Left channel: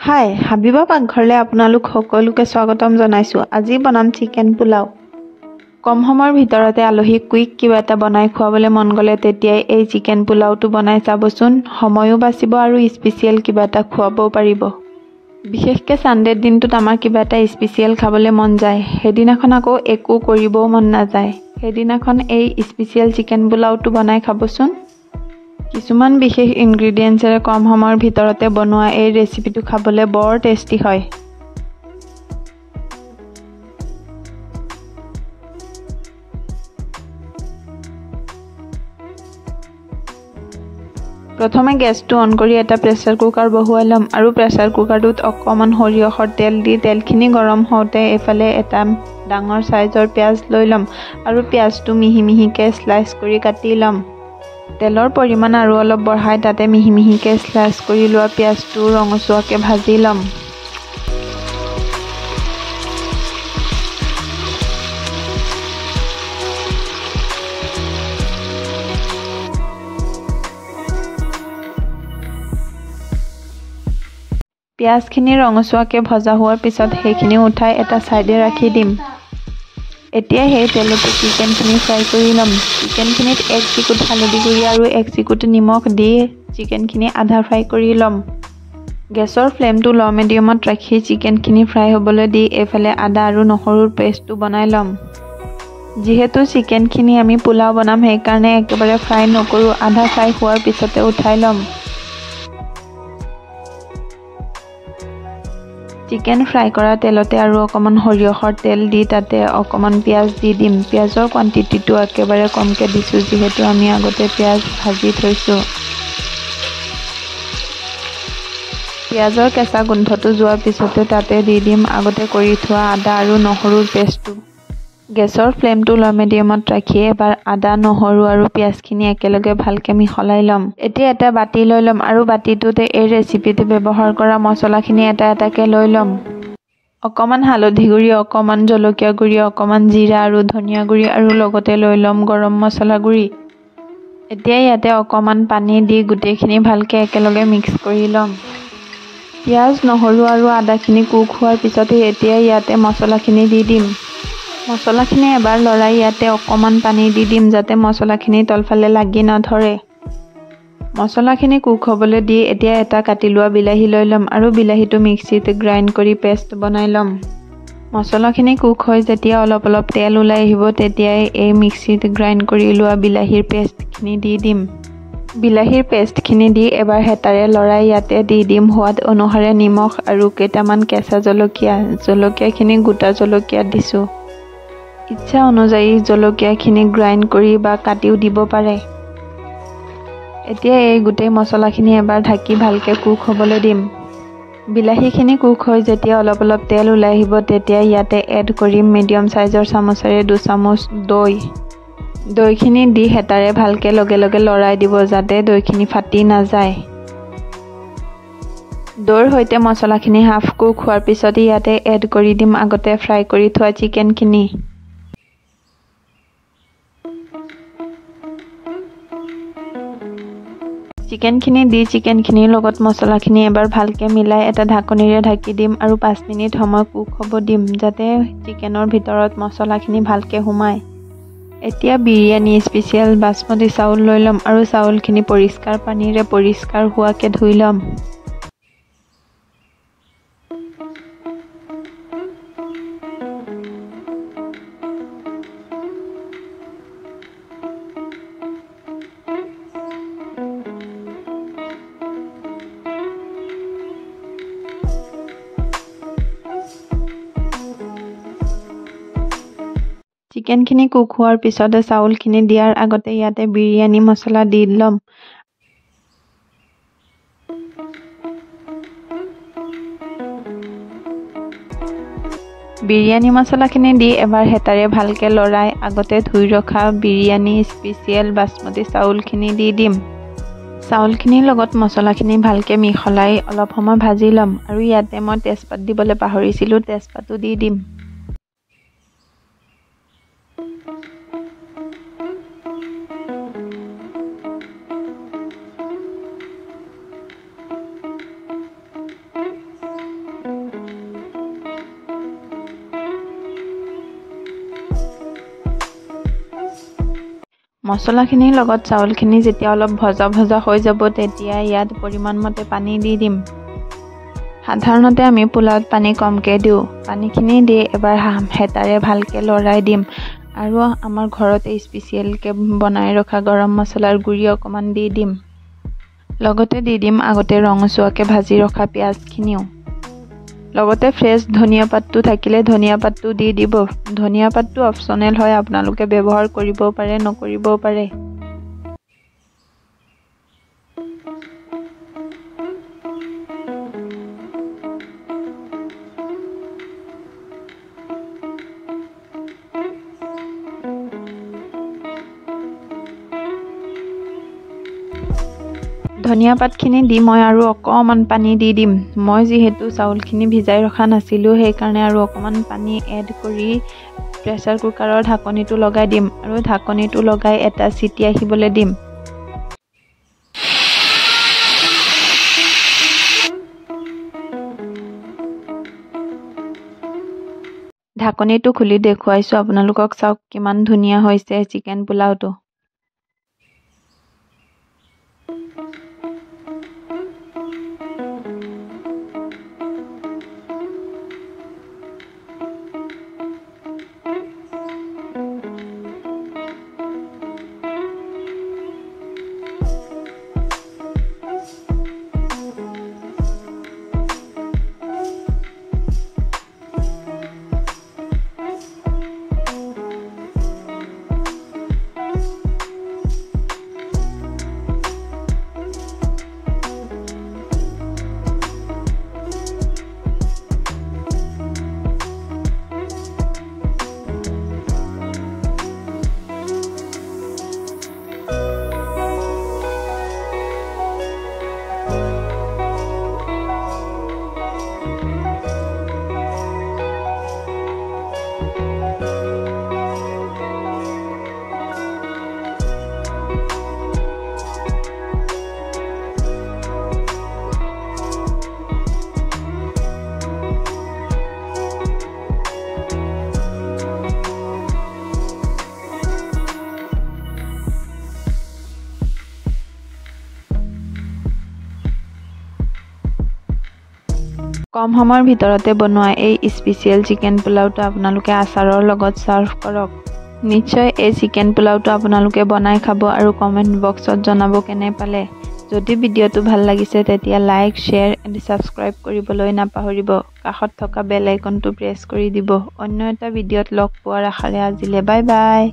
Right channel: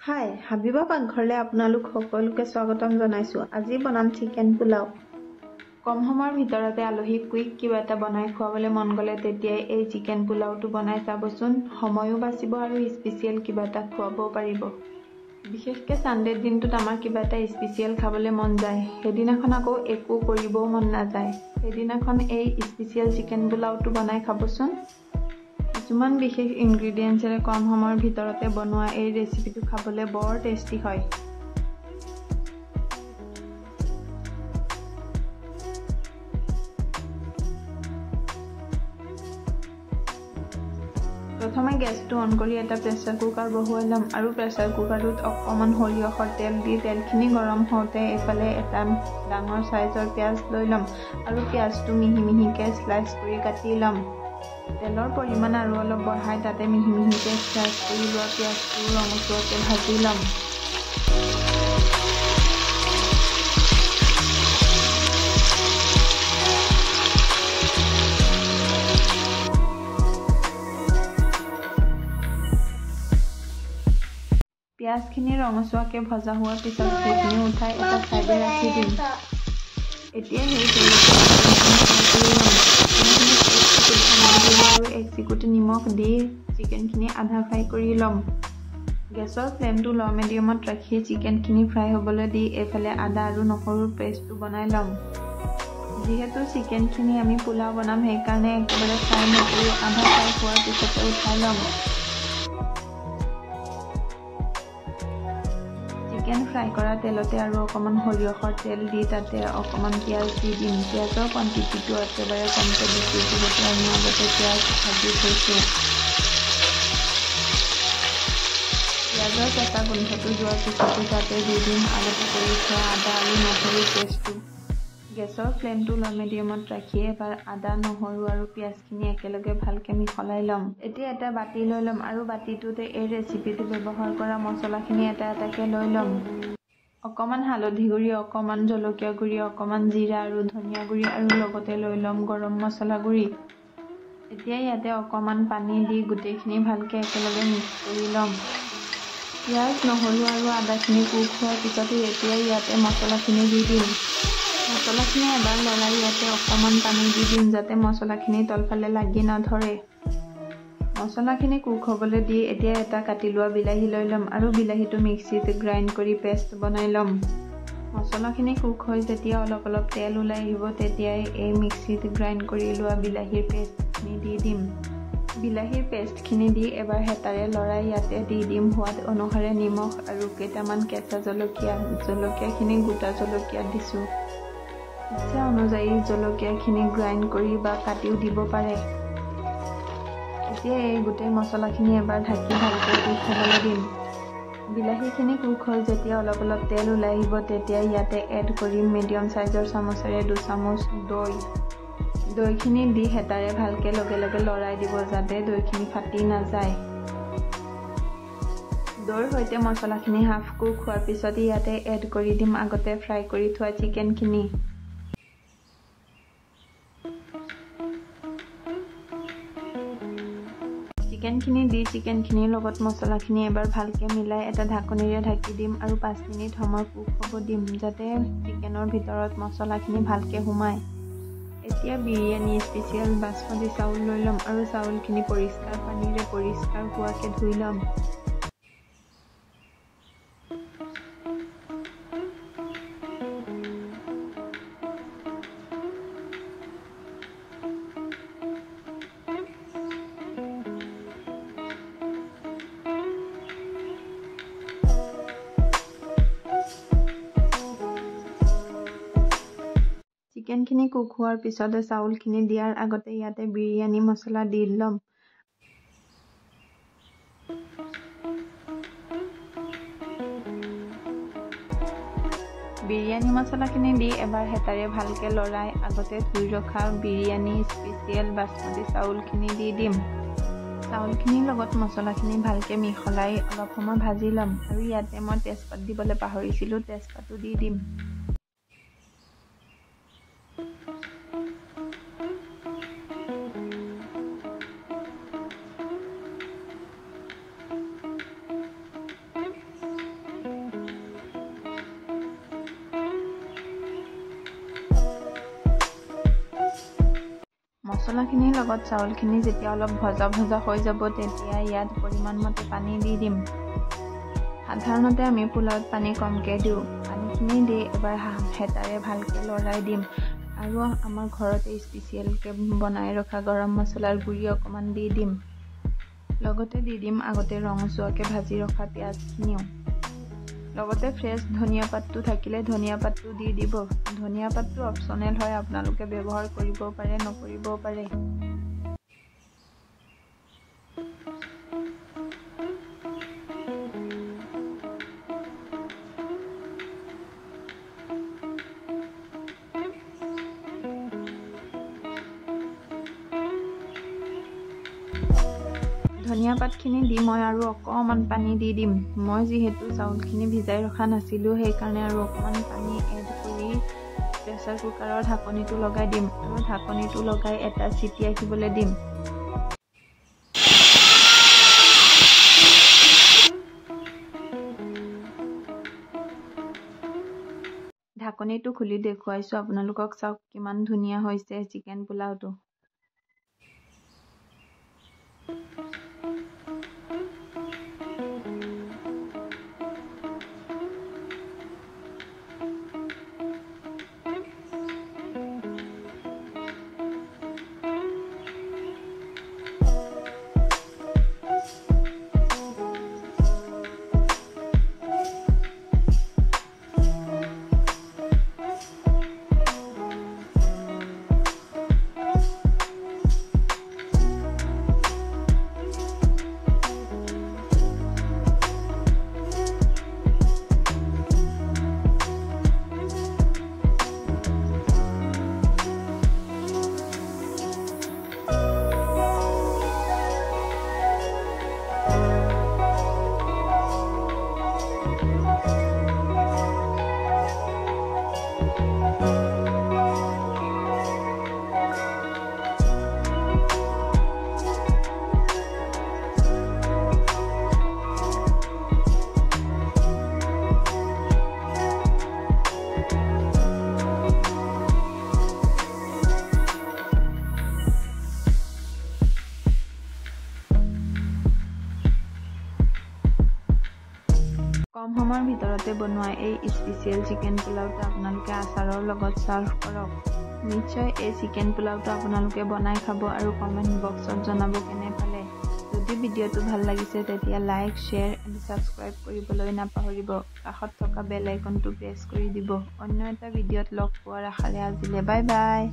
হাই হাবিবা পাকঘৰলৈ আপোনালোক সকলোকে স্বাগতম জনাইছোঁ। আজি বনাম চিকেন পোলাও। কম সময়ৰ ভিতৰতে আলহীক কুইক কিবা এটা বনাই খুৱাবলৈ মন গ'লে তেতিয়াই এই চিকেন পোলাওটো বনাই চাবচোন। সময়ো বাচিব আৰু স্পেচিয়েল কিবা এটা খুৱাবও পাৰিব। বিশেষকৈ ছানডে দিনটোত আমাৰ কিবা এটা স্পেচিয়েল খাবলৈ মন যায়। সেইদিনাখন আকৌ একো কৰিবও মন নাযায়। সেইদিনাখন এই স্পেচিয়েল চিকেন পোলাওটো বনাই খাবচোন। কিছুমান বিশেষ ইনগ্ৰিডিয়েণ্টছেৰে কম সময়ৰ ভিতৰতে বনোৱা এই ৰেচিপিটো খাবলৈ বৰ টেষ্টি হয়। প্ৰথমে গেছটো অন কৰি এটা প্ৰেছাৰ কুকাৰ বহুৱাই ল'ম আৰু প্ৰেছাৰ কুকাৰটোত অকণমান সৰিয়হৰ তেল দি তেলখিনি গৰম হওঁতে এফালে এটা ডাঙৰ চাইজৰ পিঁয়াজ লৈ ল'ম আৰু পিঁয়াজটো মিহি মিহিকৈ স্লাইচ কৰি কাটি ল'ম। তেলৰ পৰিমাণ আৰু অলপ বঢ়াই তাতে মিহি মিহিকৈ স্লাইচ কৰি লোৱা পিঁয়াজটো ৰঙচুৱাকৈ ভাজি ল'ম। পিঁয়াজখিনি ৰঙচুৱাকৈ ভজা হোৱাৰ পিছত সেইখিনি উঠাই এটা ছাইডে ৰাখি দিম। এতিয়া সেই তেলতে চিকেনখিনি ফ্ৰাই কৰি ল'ম। চিকেনখিনিত 1 চিকুট হালধি গুড়ি আৰু 1 চিকুট নিমখ দি চিকেনখিনি আধা ফ্ৰাই কৰি ল'ম। গেছৰ ফ্লেমটো ল' মিডিয়ামত ৰাখি চিকেনখিনি ফ্ৰাই হ'বলৈ দি এইফালে আদা আৰু নহৰুৰ পেষ্টটো বনাই ল'ম। যিহেতু চিকেনখিনি আমি পোলাও বনাম সেইকাৰণে একেবাৰে ফ্ৰাই নকৰোঁ, আধা ফ্ৰাই হোৱাৰ পিছতে উঠাই ল'ম। চিকেন ফ্ৰাই কৰা তেলতে আৰু অকণমান সৰিয়হৰ তেল দি তাতে অকণমান পিঁয়াজ দি দিম। পিঁয়াজৰ কোৱাণ্টিটিটো একেবাৰে কমকৈ দিছোঁ যিহেতু আমি আগতে পিঁয়াজ ভাজি থৈছোঁ। পিঁয়াজৰ কেঁচা গোন্ধটো যোৱাৰ পিছতে তাতে দি দিম আগতে কৰি থোৱা আদা আৰু নহৰুৰ পেষ্টটো। গেছৰ ফ্লেমটো ল' মিডিয়ামত ৰাখি এবাৰ আদা, নহৰু আৰু পিঁয়াজখিনি একেলগে ভালকৈ মিহলাই ল'ম। এতিয়া এটা বাতি লৈ ল'ম আৰু বাতিটোতে এই ৰেচিপিটো ব্যৱহাৰ কৰা মছলাখিনি এটা এটাকৈ লৈ ল'ম। অকণমান হালধি গুড়ি, অকণমান জলকীয়া গুড়ি, অকণমান জিৰা আৰু ধনিয়া গুড়ি আৰু লগতে লৈ ল'ম গৰম মছলা গুড়ি। এতিয়া ইয়াতে অকণমান পানী দি গোটেইখিনি ভালকৈ একেলগে মিক্স কৰি ল'ম। পিঁয়াজ, নহৰু আৰু আদাখিনি কুক হোৱাৰ পিছতে এতিয়া ইয়াতে মছলাখিনি দি দিম। মছলাখিনি এবাৰ লৰাই ইয়াতে অকণমান পানী দি দিম যাতে মছলাখিনি তলফালে লাগি নধৰে। মছলাখিনি কুক হ'বলৈ দি এতিয়া এটা কাটি লোৱা বিলাহী লৈ ল'ম আৰু বিলাহীটো মিক্সিত গ্ৰাইণ্ড কৰি পেষ্ট বনাই ল'ম। মছলাখিনি কুক হৈ যেতিয়া অলপ অলপ তেল ওলাই আহিব তেতিয়াই এই মিক্সিত গ্ৰাইণ্ড কৰি লোৱা বিলাহীৰ পেষ্টখিনি দি দিম। বিলাহীৰ পেষ্টখিনি দি এবাৰ হেতাৰে লৰাই ইয়াতে দি দিম সোৱাদ অনুসাৰে নিমখ আৰু কেইটামান কেঁচা জলকীয়া। জলকীয়াখিনি গোটা জলকীয়া দিছোঁ। ইচ্ছা অনুযায়ী জলকীয়াখিনি গ্ৰাইণ্ড কৰি বা কাটিও দিব পাৰে। এতিয়া এই গোটেই মছলাখিনি এবাৰ ঢাকি ভালকৈ কুক হ'বলৈ দিম। বিলাহীখিনি কুক হৈ যেতিয়া অলপ অলপ তেল ওলাই আহিব তেতিয়া ইয়াতে এড কৰিম মিডিয়াম চাইজৰ চামুচেৰে 2 চামুচ দৈ। দৈখিনি দি হেতাৰে ভালকৈ লগে লগে লৰাই দিব যাতে দৈখিনি ফাটি নাযায়। দৈৰ সৈতে মছলাখিনি হাফ কুক হোৱাৰ পিছত ইয়াতে এড কৰি দিম আগতে ফ্ৰাই কৰি থোৱা চিকেনখিনি। চিকেনখিনি দি চিকেনখিনিৰ লগত মছলাখিনি এবাৰ ভালকৈ মিলাই এটা ঢাকনিৰে ঢাকি দিম আৰু 5 মিনিট সময় কুক হ'ব দিম যাতে চিকেনৰ ভিতৰত মছলাখিনি ভালকৈ সোমায়। এতিয়া বিৰিয়ানী স্পেচিয়েল বাসমতী চাউল লৈ ল'ম আৰু চাউলখিনি পৰিষ্কাৰ পানীৰে পৰিষ্কাৰ হোৱাকৈ ধুই ল'ম। চিকেনখিনি কুক হোৱাৰ পিছতে চাউলখিনি দিয়াৰ আগতে ইয়াতে বিৰিয়ানী মছলা দি ল'ম। বিৰিয়ানী মছলাখিনি দি এবাৰ হেতাৰে ভালকৈ লৰাই আগতে ধুই ৰখা বিৰিয়ানী স্পেচিয়েল বাসমতী চাউলখিনি দি দিম। চাউলখিনিৰ লগত মছলাখিনি ভালকৈ মিহলাই অলপ সময় ভাজি ল'ম আৰু ইয়াতে মই তেজপাত দিবলৈ পাহৰিছিলোঁ, তেজপাতো দি দিম। মছলাখিনিৰ লগত চাউলখিনি যেতিয়া অলপ ভজা ভজা হৈ যাব তেতিয়া ইয়াত পৰিমাণ মতে পানী দি দিম। সাধাৰণতে আমি পোলাওত পানী কমকৈ দিওঁ। পানীখিনি দি এবাৰ হেতাৰে ভালকৈ লৰাই দিম আৰু আমাৰ ঘৰতে স্পেচিয়েলকৈ বনাই ৰখা গৰম মছলাৰ গুড়ি অকণমান দি দিম। লগতে দি দিম আগতে ৰঙচুৱাকৈ ভাজি ৰখা পিঁয়াজখিনিও। লগতে ফ্ৰেছ ধনিয়া পাতটো থাকিলে ধনিয়া পাতটো দি দিব। ধনিয়া পাতটো অপচনেল হয়, আপোনালোকে ব্যৱহাৰ কৰিবও পাৰে নকৰিবও পাৰে। ধনিয়া পাতখিনি দি মই আৰু অকণমান পানী দি দিম। মই যিহেতু চাউলখিনি ভিজাই ৰখা নাছিলোঁ সেইকাৰণে আৰু অকণমান পানী এড কৰি প্ৰেছাৰ কুকাৰৰ ঢাকনিটো লগাই দিম আৰু ঢাকনিটো লগাই এটা চিটি আহিবলৈ দিম। ঢাকনিটো খুলি দেখুৱাইছোঁ আপোনালোকক, চাওক কিমান ধুনীয়া হৈছে চিকেন পোলাওটো। কম সময়ৰ ভিতৰতে বনোৱা এই স্পেচিয়েল চিকেন পোলাওটো আপোনালোকে আচাৰৰ লগত চাৰ্ভ কৰক। নিশ্চয় এই চিকেন পোলাওটো আপোনালোকে বনাই খাব আৰু কমেণ্ট বক্সত জনাব কেনে পালে। যদি ভিডিঅ'টো ভাল লাগিছে তেতিয়া লাইক, শ্বেয়াৰ এণ্ড ছাবস্ক্ৰাইব কৰিবলৈ নাপাহৰিব। কাষত থকা বেল আইকনটো প্ৰেছ কৰি দিব। অন্য এটা ভিডিঅ'ত লগ পোৱাৰ আশাৰে আজিলৈ বাই বাই।